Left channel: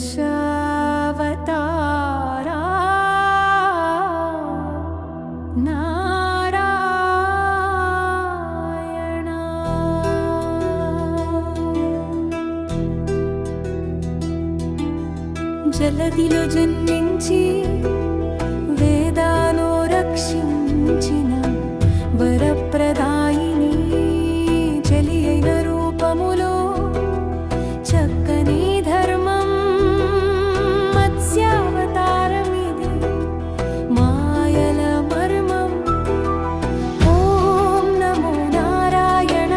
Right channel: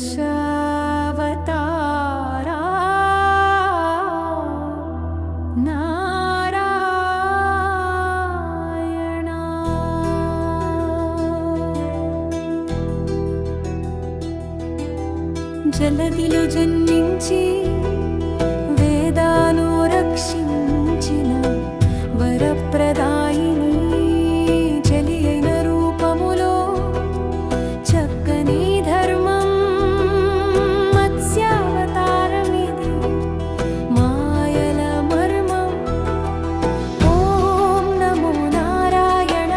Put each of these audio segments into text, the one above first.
దశావతారా నారాయణ. జలదిలో జన్మించి వేదాను రక్షించిన వరప్రదాయిని చలి అయిన రూపములో చక్కని ధర్మం మత్స్యావతారమిది మాయల మర్మం. ఓం నమో నారాయణ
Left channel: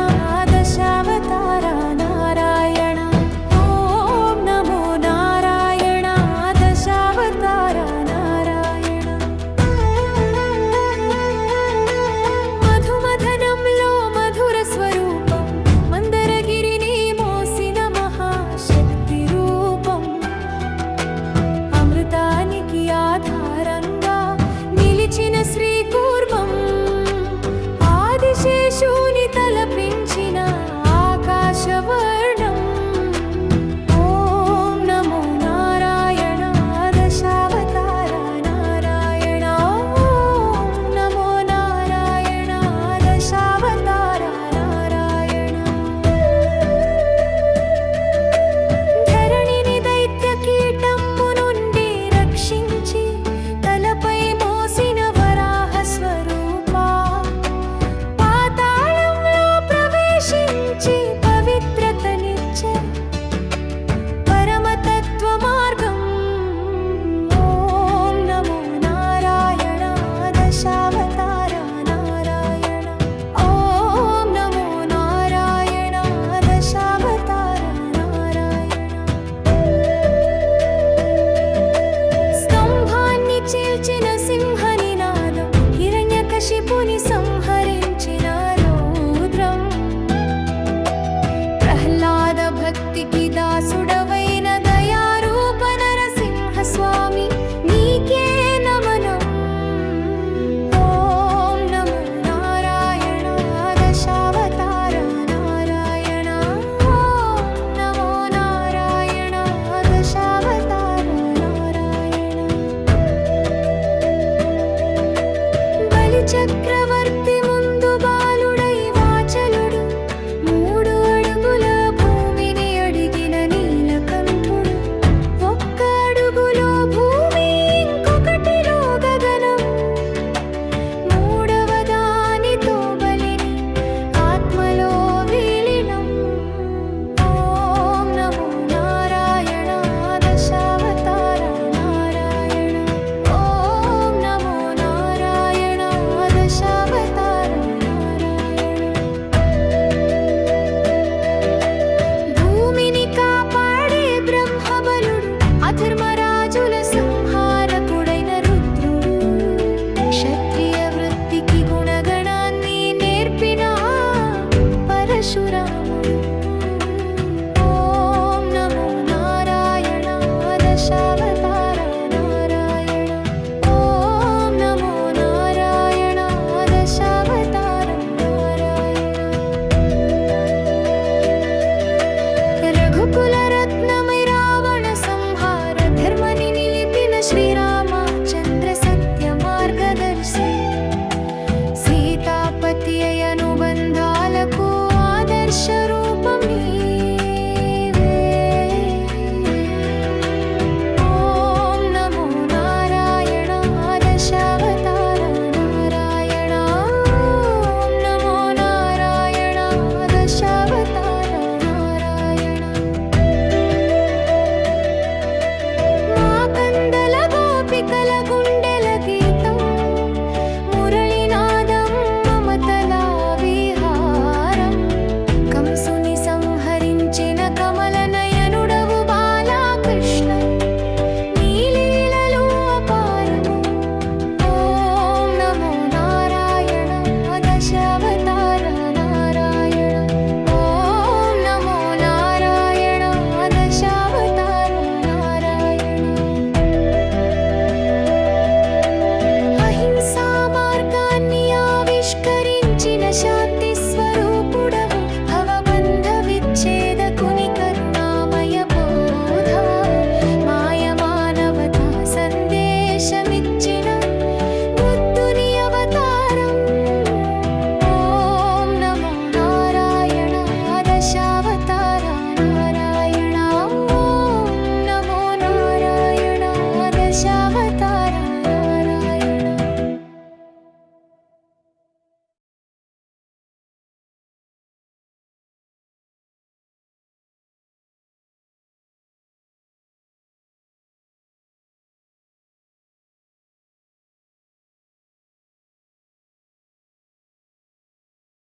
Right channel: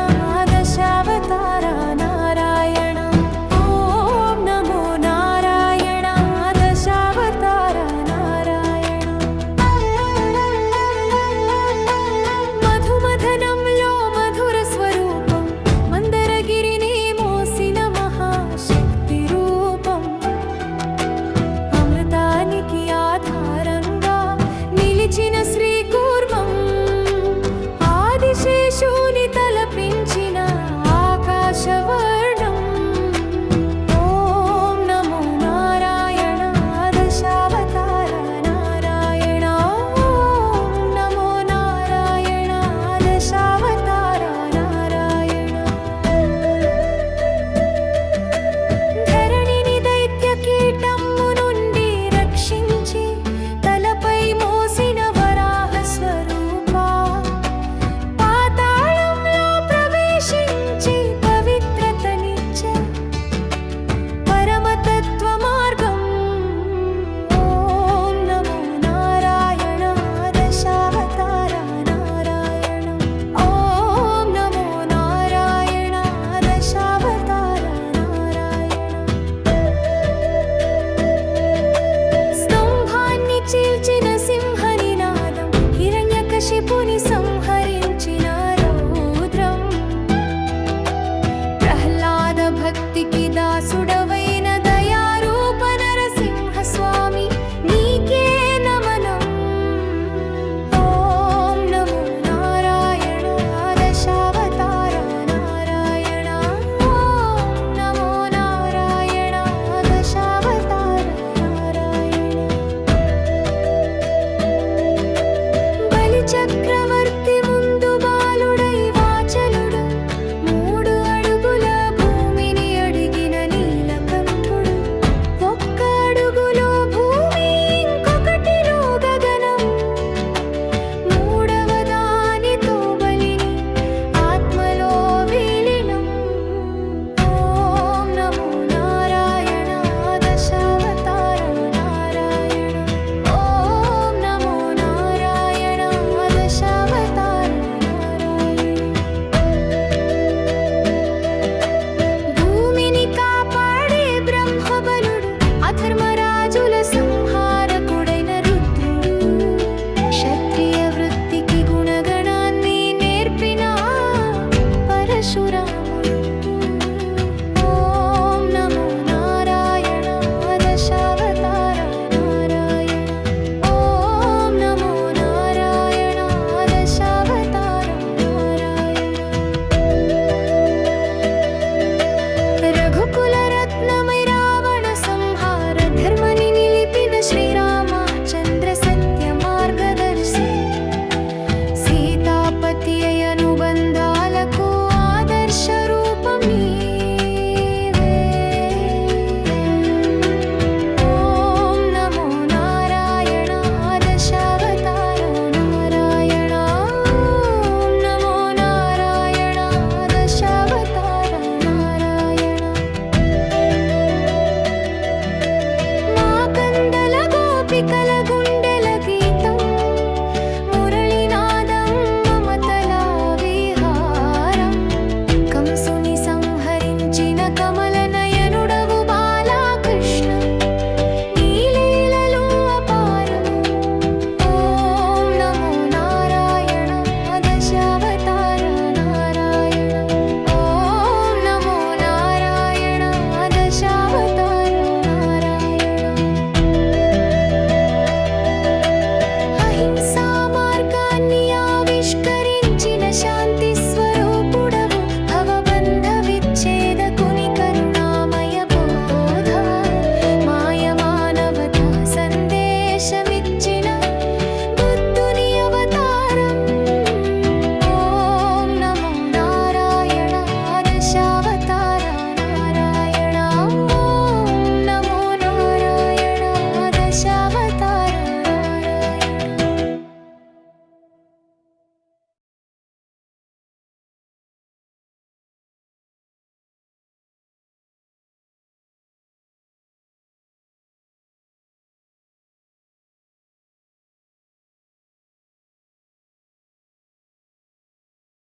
దశావతార నారాయణ. ఓం నమో నారాయణ దశావతార నారాయణ. మధుమథనంలో మధుర స్వరూపం మందరగిరిని మోసిన మహాశక్తి రూపం. అమృతానికి ఆధారంగా నిలిచిన శ్రీకూర్మం ఆదిశేషుని తలపించిన ఆకాశవర్ణం. ఓం నమో నారాయణ దశావతార నారాయణ. ఓం నమో నారాయణ దశావతార నారాయణ. ధరణిని దైత్య కీటము నుండి రక్షించి తలపై మోసిన వరాహ స్వరూపా. పాతాళంలో ప్రవేశించి పవిత్రతనిచ్చే పరమతత్వ మార్గం. ఓం నమో నారాయణ దశావతార నారాయణ. ఓం నమో నారాయణ దశావతార నారాయణ. స్తంభాన్ని చీల్చిన సింహనినాదం హిరణ్యకశిపుని సంహరించిన రౌద్రం. ప్రహ్లాద భక్తికి దాసుడవైన దయారూప నరసింహ స్వామి నీకే నమనం. ఓం నమో నారాయణ దశావతార నారాయణ. ఓం నమో నారాయణ దశావతార నారాయణ. బలి చక్రవర్తి ముందు బాలుడై వాచలుడు 3 అడుగుల భూమిని అడిగిన నీలకంఠుడు. 1 అడుగులో భూమి ఇంకొకటిలో గగనం. 3వ దానితో బలిని ఆత్మలో విలీనం. ఓం నమో నారాయణ దశావతార నారాయణ. ఓం నమో నారాయణ దశావతార నారాయణ. భూమిని కాపాడే బ్రహ్మబలుడు అధర్మరాజుల సంహారకుడైన రుద్రుడు. క్షత్రియ వృత్తికి గుణగణాన్ని నేర్పిన పరశురాముడు. ఓం నమో నారాయణ దశావతార నారాయణ. ఓం నమో నారాయణ దశావతార నారాయణ. రఘుకుల రత్నమై రావణ సంహార ధర్మని నిలిపిన శ్రీరామచంద్ర సత్య మార్గదర్శి. సీతాపతి అనుబంధాలకు ఆదర్శ రూపం నీవే. ఓం నమో నారాయణ దశావతార నారాయణ. ఓం నమో నారాయణ దశావతార నారాయణ. మా కందల గోపిక